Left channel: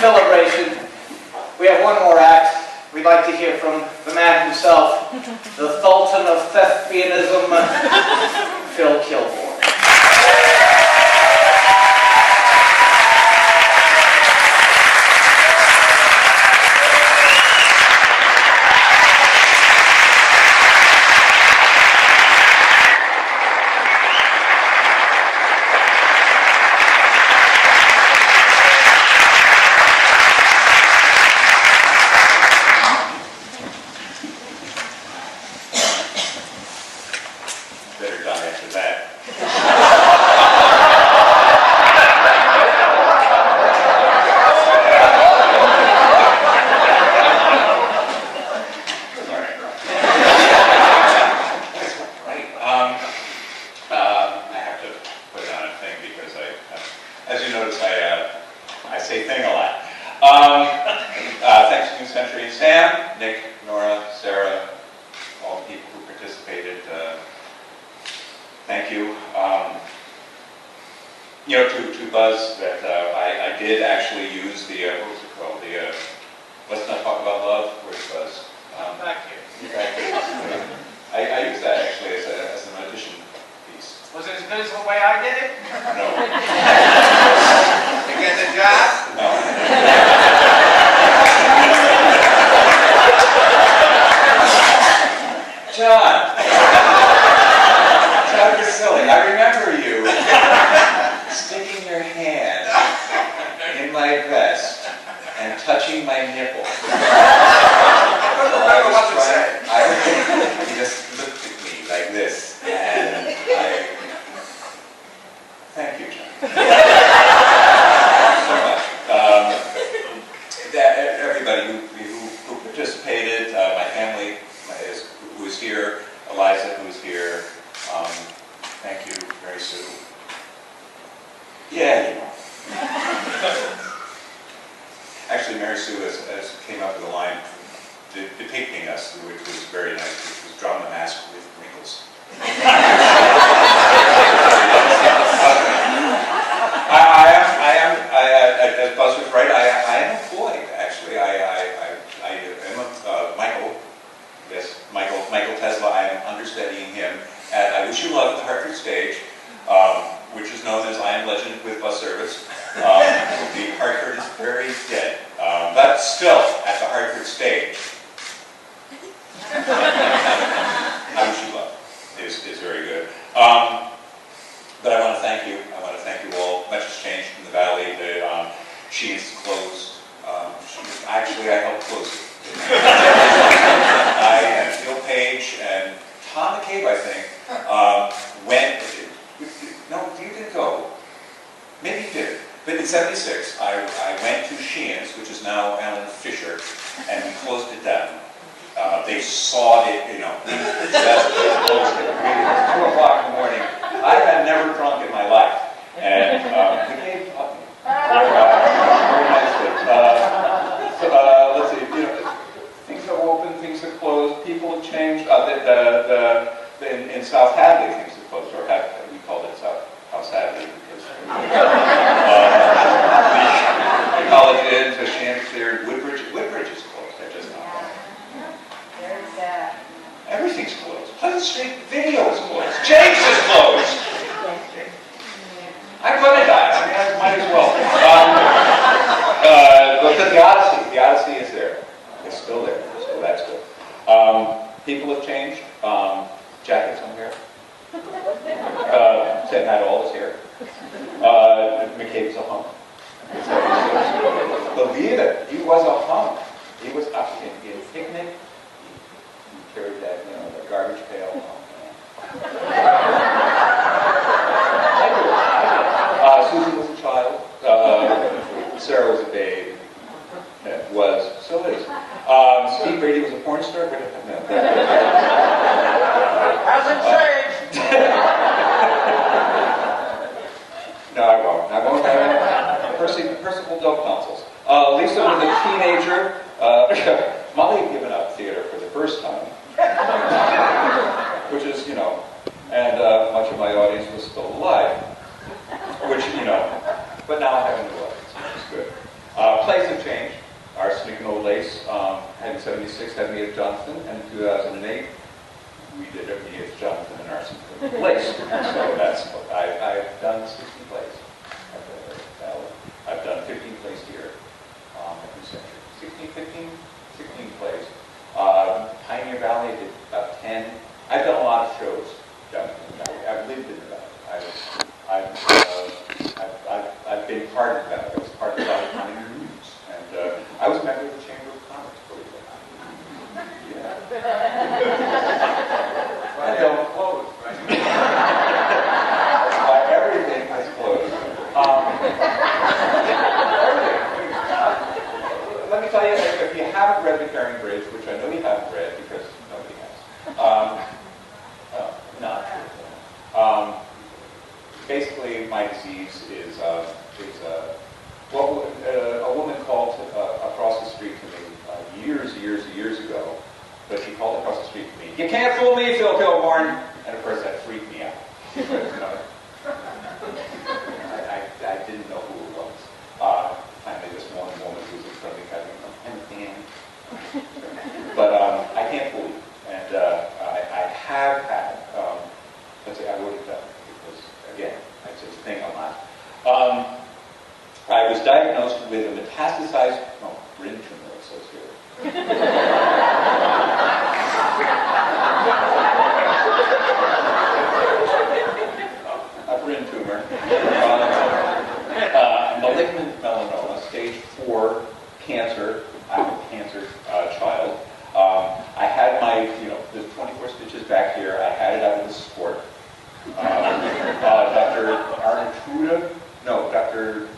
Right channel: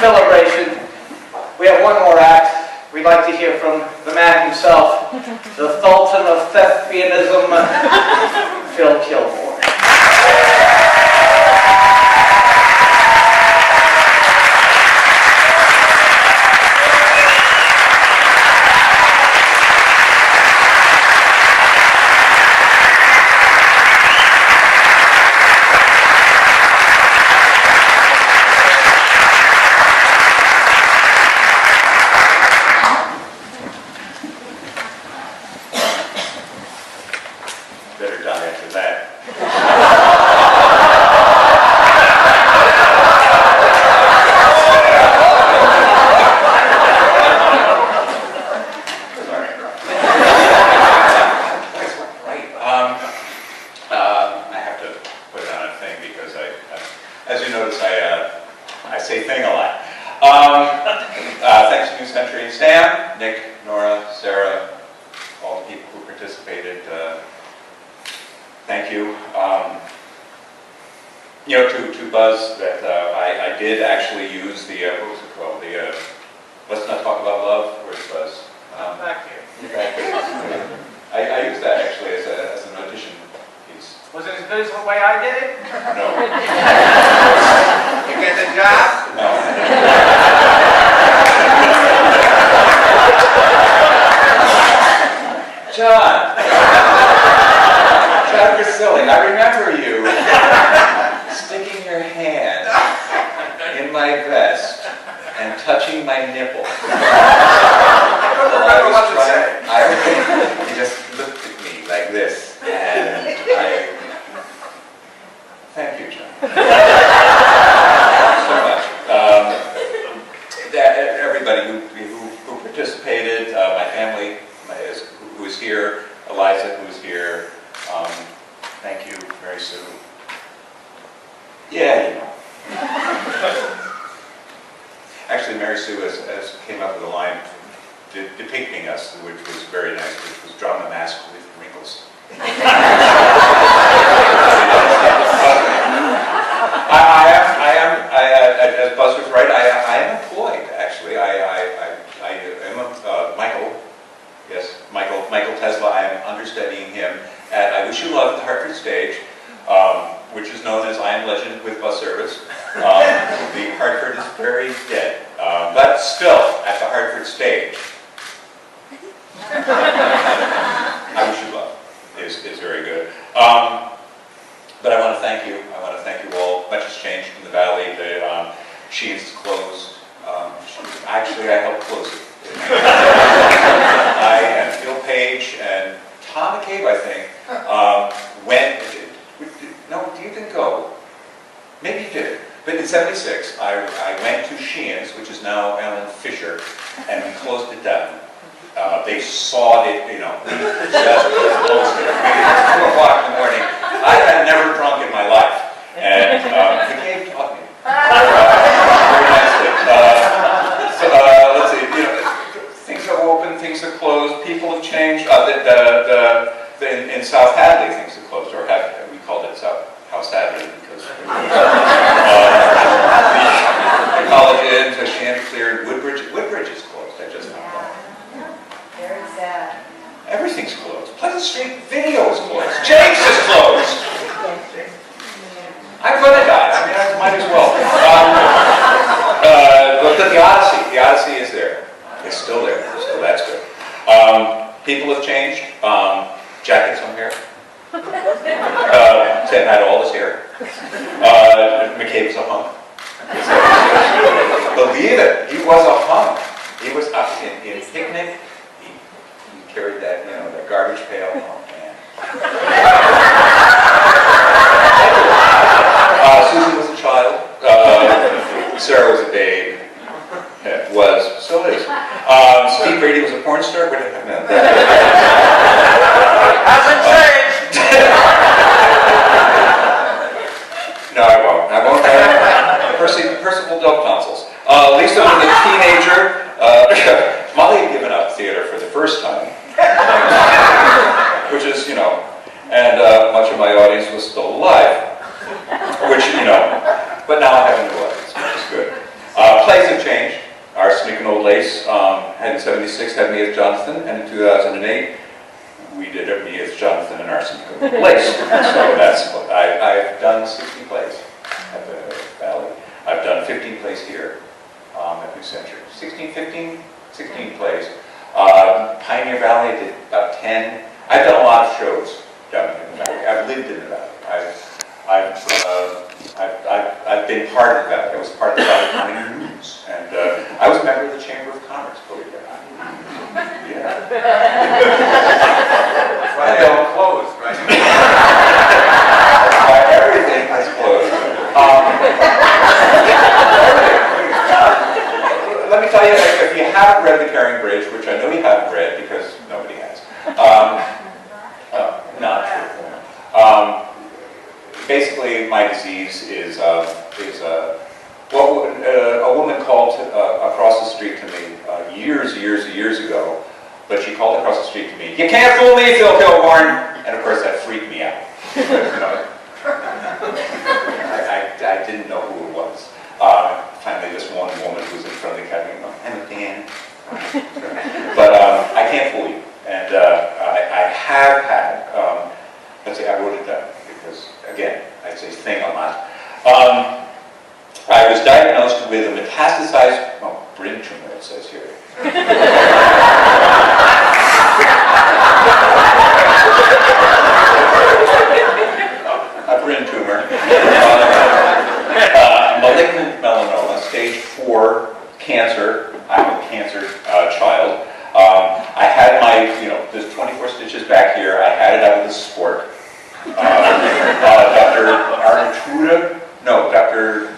celebration. We have one more act. We'd like to hear from the man himself, the Sultan of Thespianism, Phil Kilgore. Better die after that. Sorry. Right. I have to put it on a thing because as you notice, I say thing a lot. Thanks to New Century, Sam, Nick, Nora, Sarah, all the people who participated. Thank you. To Buzz, that I did actually use the, what was it called? The, Let's Not Talk About Love. Where's Buzz? Back here. Back here. I used that actually as an audition piece. Was it as good as the way I did it? No. You get the job? No. John! John Priscilli, I remember you sticking your hand in my vest and touching my nipple. I don't remember what to say. He just looked at me like this, and thank you, John. So much. Everybody who participated, my family who is here, Eliza who is here, thank you, Mary Sue. Yeah, you know. Actually, Mary Sue has came up with a line depicting us, which was very nice, which was drawn the mask with wrinkles. As Buzz was right, I am employed, actually. I am Michael Tesla. I am understudying him at I Wish You Luck at the Hartford stage, which is known as I Am Legend with Bus Service. The Hartford is very dead, but still at the Hartford stage. I Wish You Luck is very good. But I want to thank you. I want to thank you all. Much has changed in the Valley. She's closed. Actually, I helped close it. I and Phil Page and Tom McCabe, I think, went. No, you didn't go. Maybe you did. But in '76, I went to Sheehan's, which is now Alan Fisher, and we closed it down. They sawed it, you know. Just closed it. Maybe 2 o'clock in the morning. I had never drunk in my life, and McCabe taught me. Very nicely. Let's see. You know, things have opened, things have closed, people have changed. In South Hadley, things have closed, or we called it House Hadley because the college inn to Chanticleer, Woodbridge is closed. I just found out. Very sad. Everything's closed. Pleasant Street Video is closed. James is closed. I'm going to die. I mean, I might as well. But the Odyssey is there. It's still there. So that's good. People have changed. Jacket's on here. Ted had all his hair. McCabe's a hunk. Believe it, he was a hunk. He was up in picnic. He carried that, you know, that garbage pail. Oh man. Susan was a child. Sarah was a babe. Still is. Steve Brady was a porn star. What happened? Hasn't changed. No, I won't. Percival Del Tonsils. Lisa was a teenager. Molly had given up theater for the first time, which is, you know, and we did it, me as Jonathan and Arson plays. So that's what I've done 60 plays at the Valley. I've done 15 plays here at New Century. 16 plays. Pioneer Valley, I did about 10. I've done a lot of shows down in the Valley. I've lived in the Valley. I've been part of the Valley. I was part of the Valley County News. And I was a member of the Chamber of Commerce, believe it or not. Yeah. That's why they all closed, right? Everything has closed. Let me tell you, if you haven't read The Caring Bridge, which I know you haven't read because nobody has, not true. Basically, my disease is what a woman called across the street to me years ago, but she called across the street to me, "You can't fool me, Phil Kilborn!" And of course, that freaked me out. Because, you know, I didn't know who it was. Finally, this one woman who was in front of the cabinet, "I'm a fan." But I can't fool you. And I have had, let's see, I wrote it down because, again, I say thing a lot. I was diagnosed with a metastasized, brain tumor, it says here. A brain tumor. Malignant melanoma, stage 4 cancer. I'm a cancer child. I had my, there's 24 stitches back here. I had it out with a sport. Dr. Arnatruda, no, Dr.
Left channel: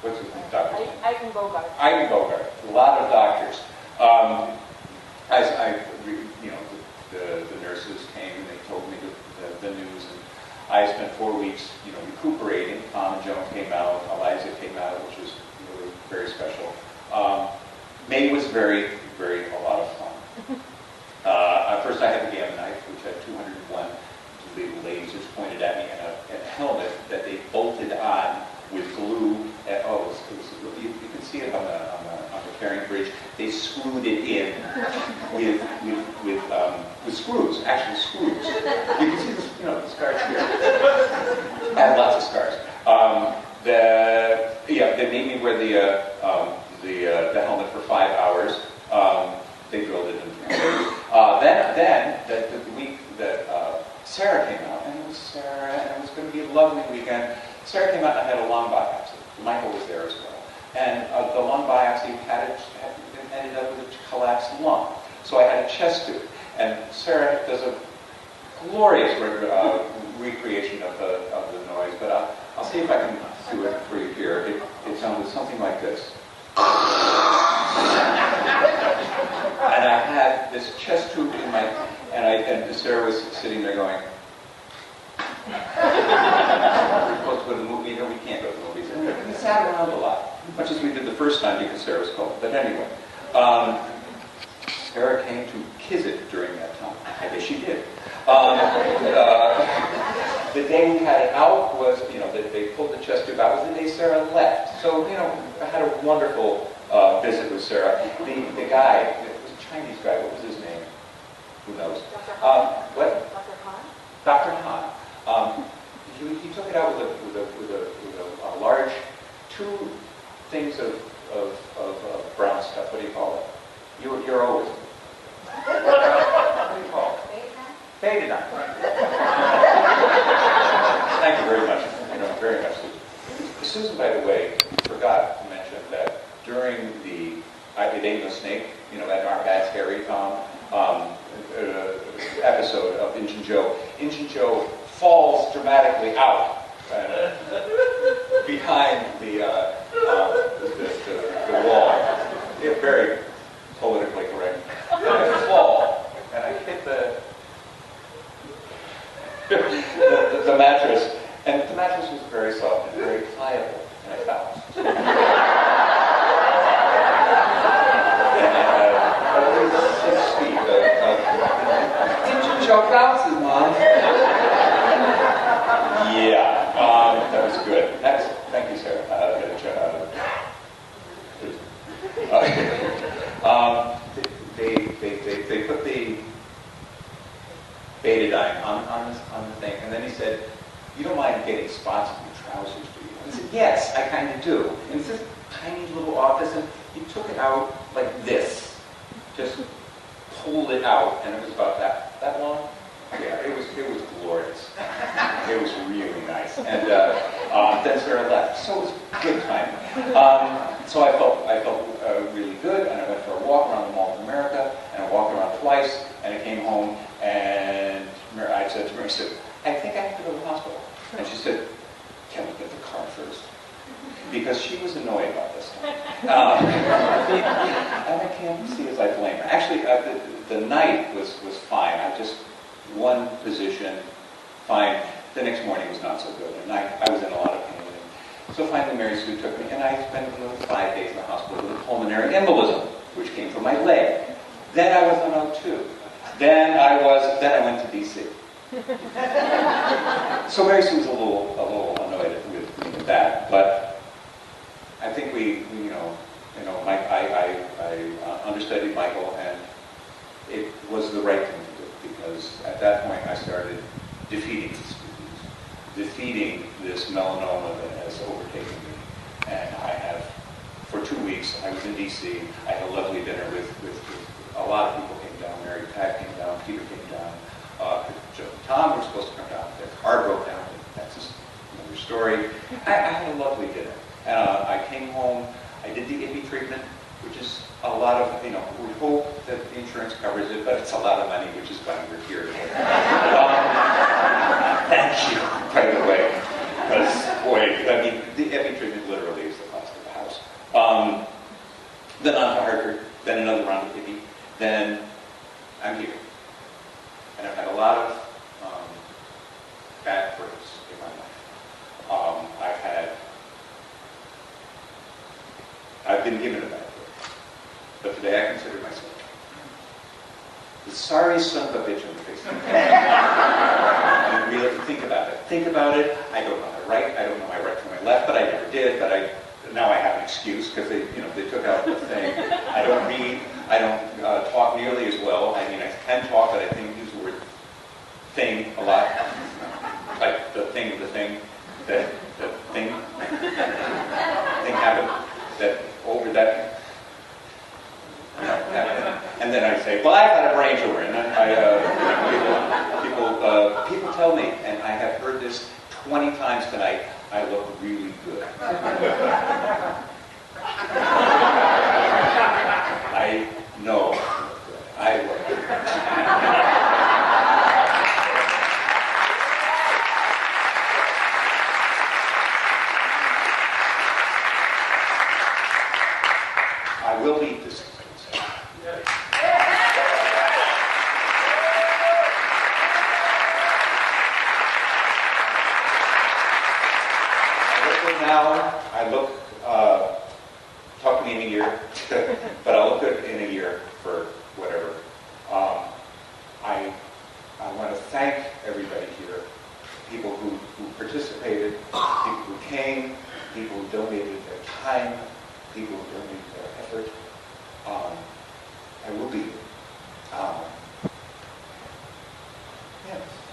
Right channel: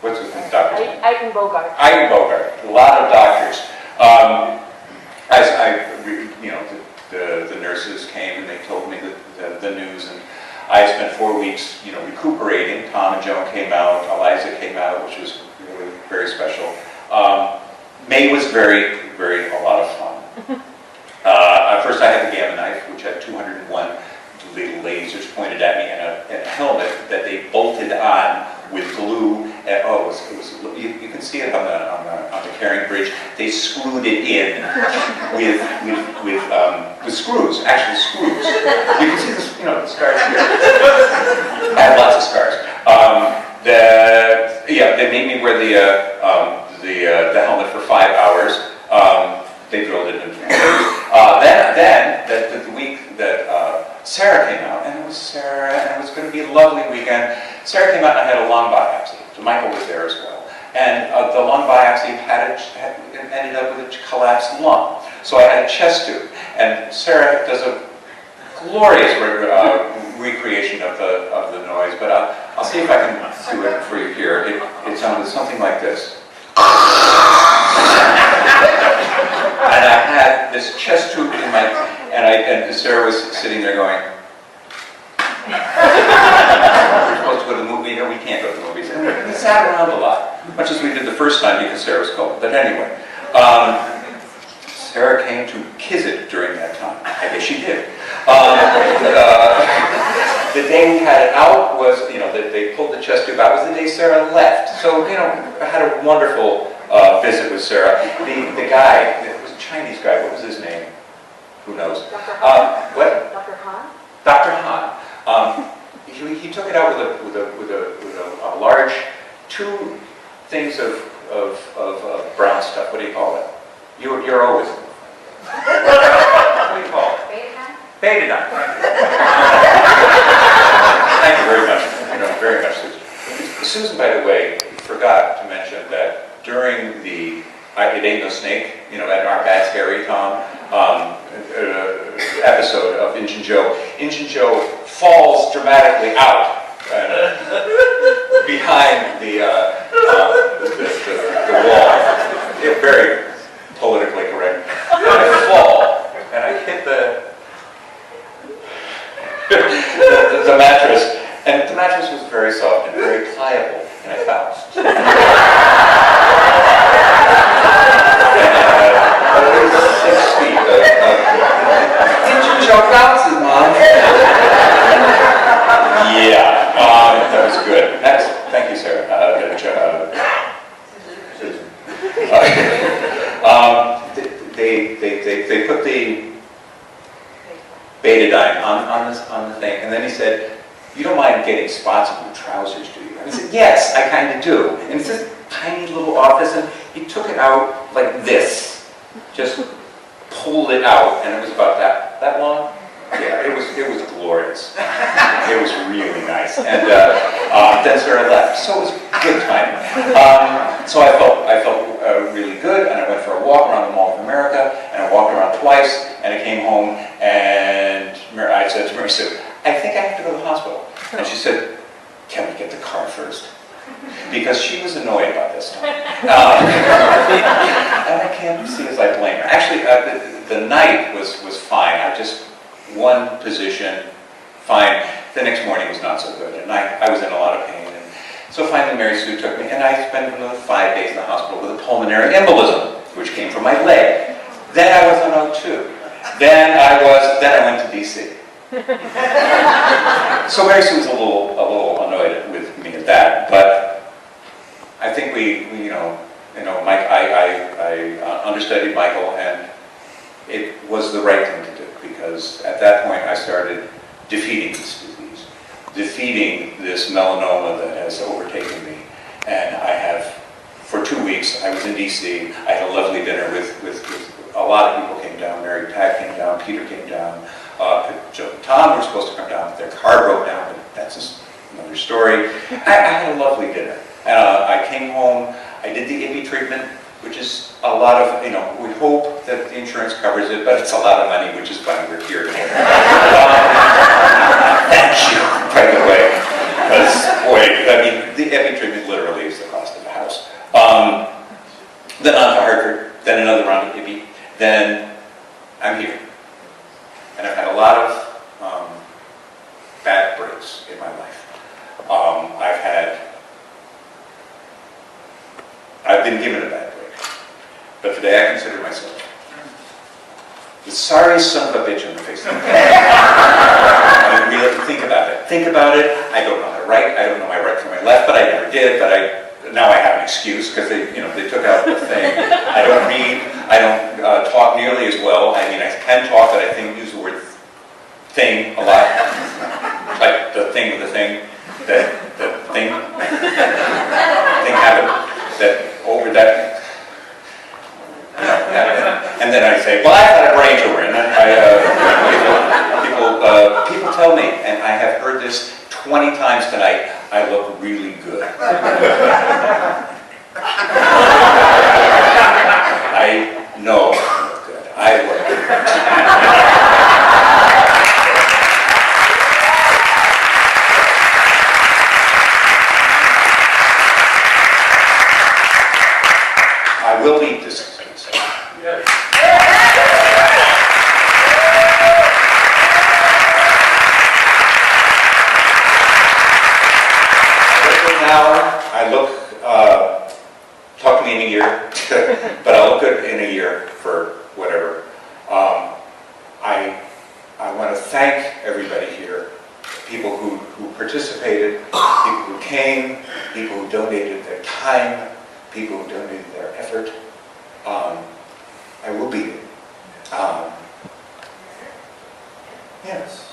What's his name? Dr. Ivan Bogart. Ivan Bogart. A lot of doctors. As the nurses came and they told me the news, and I spent 4 weeks, recuperating. Tom and Joan came out. Eliza came out, which was really very special. May was a lot of fun. First, I had the Gamma knife, which had 201 little lasers pointed at me, and a helmet that they bolted on with glue. And, you can see it on the Caring Bridge. They screwed it in with screws, actual screws. You can see the scars here. I have lots of scars. They made me wear the helmet for 5 hours. They drilled it in. Then the week that Sarah came out, and it was Sarah, and it was going to be a lovely weekend. Sarah came out and I had a lung biopsy. So Michael was there as well. And the lung biopsy ended up with a collapsed lung. So I had a chest tube. And Sarah does a glorious recreation of the noise, but I'll see if I can do it for you here. It sounded something like this. And I had this chest tube in my, and Sarah was sitting there going, "We're supposed to go to the movie, we can't go to the movies." And we sat around a lot, much as we did the first time because Sarah was cold. But anyway, Sarah came to kiss it during that time. I guess she did. The day we had it out was, they pulled the chest tube out was the day Sarah left. So, I had a wonderful visit with Sarah. The guy, it was a Chinese guy, what was his name? Who knows? Dr. Han? What? Dr. Han? Dr. Han. He took it out with a large 2 things of brown stuff. What do you call it? You're always. What do you call it? Betadine. Thank you very much. Very much, Susan. Susan, by the way, forgot to mention that during the It Ain't No Snake, at our Bad Scary Tom episode of Injun Joe falls dramatically out behind the wall. It's very politically correct. And I fall, and I hit the mattress, and the mattress was very soft and very pliable, and I bounced. Joe bounces, Mom. Yeah, that was good. Thank you, Sarah. They put the betadine on the thing, and then he said, "You don't mind getting spots on the trousers, do you?" And I said, "Yes, I kind of do." And it's this tiny little office, and he took it out like this, just pulled it out, and it was about that long. Yeah, it was glorious. It was really nice, and then Sarah left, so it was good timing. So I felt really good, and I went for a walk around the Mall of America, and I walked around twice, and I came home, and I said to Mary, "I think I have to go to the hospital." And she said, "Can we get the car first?" Because she was annoyed about this time. And I can't see as I blame her. Actually, the night was fine. I just one position, fine. The next morning was not so good, and I was in a lot of pain. And so finally Mary Sue took me, and I spent another 5 days in the hospital with a pulmonary embolism, which came from my leg. Then I was on O2. Then I went to DC. So Mary Sue was a little annoyed with me at that, but I think we Mike, I understudied Michael, and it was the right thing to do, because at that point I started defeating this disease, defeating this melanoma that has overtaken me. And I have, for 2 weeks, I was in DC, I had a lovely dinner with a lot of people came down. Mary Pat came down, Peter came down, Joe and Tom were supposed to come down, but their car broke down, but that's just another story. I had a lovely dinner. I came home, I did the IBI treatment, which is a lot of, we hope that the insurance covers it, but it's a lot of money, which is why we're here today. Thank you, by the way, because, boy, the IBI treatment literally is the cost of a house. Then on to Hartford, then another round of IBI, then I'm here. And I've had a lot of bad breaks in my life. I've been given a bad break, but today I consider myself the sorriest son of a bitch in the face of the planet. I mean, really think about it. Think about it. I don't know how to write. I don't know my right from my left, but I never did. But now I have an excuse because they took out the thing. I don't read. I don't talk nearly as well. I mean, I can talk, but I use the word thing a lot. Like the thing with the thing, that thing happened. That over that, and then I say, well, I've got a brain tumor, and then people tell me, and I have heard this 20 times tonight, I look really good. I know I look good. I look good. I will eat this. Now, I look, talk to me in a year, but I'll look good in a year for whatever. I want to thank everybody here, people who participated, people who came, people who donated their time, people who donated their effort. I will be. Yes.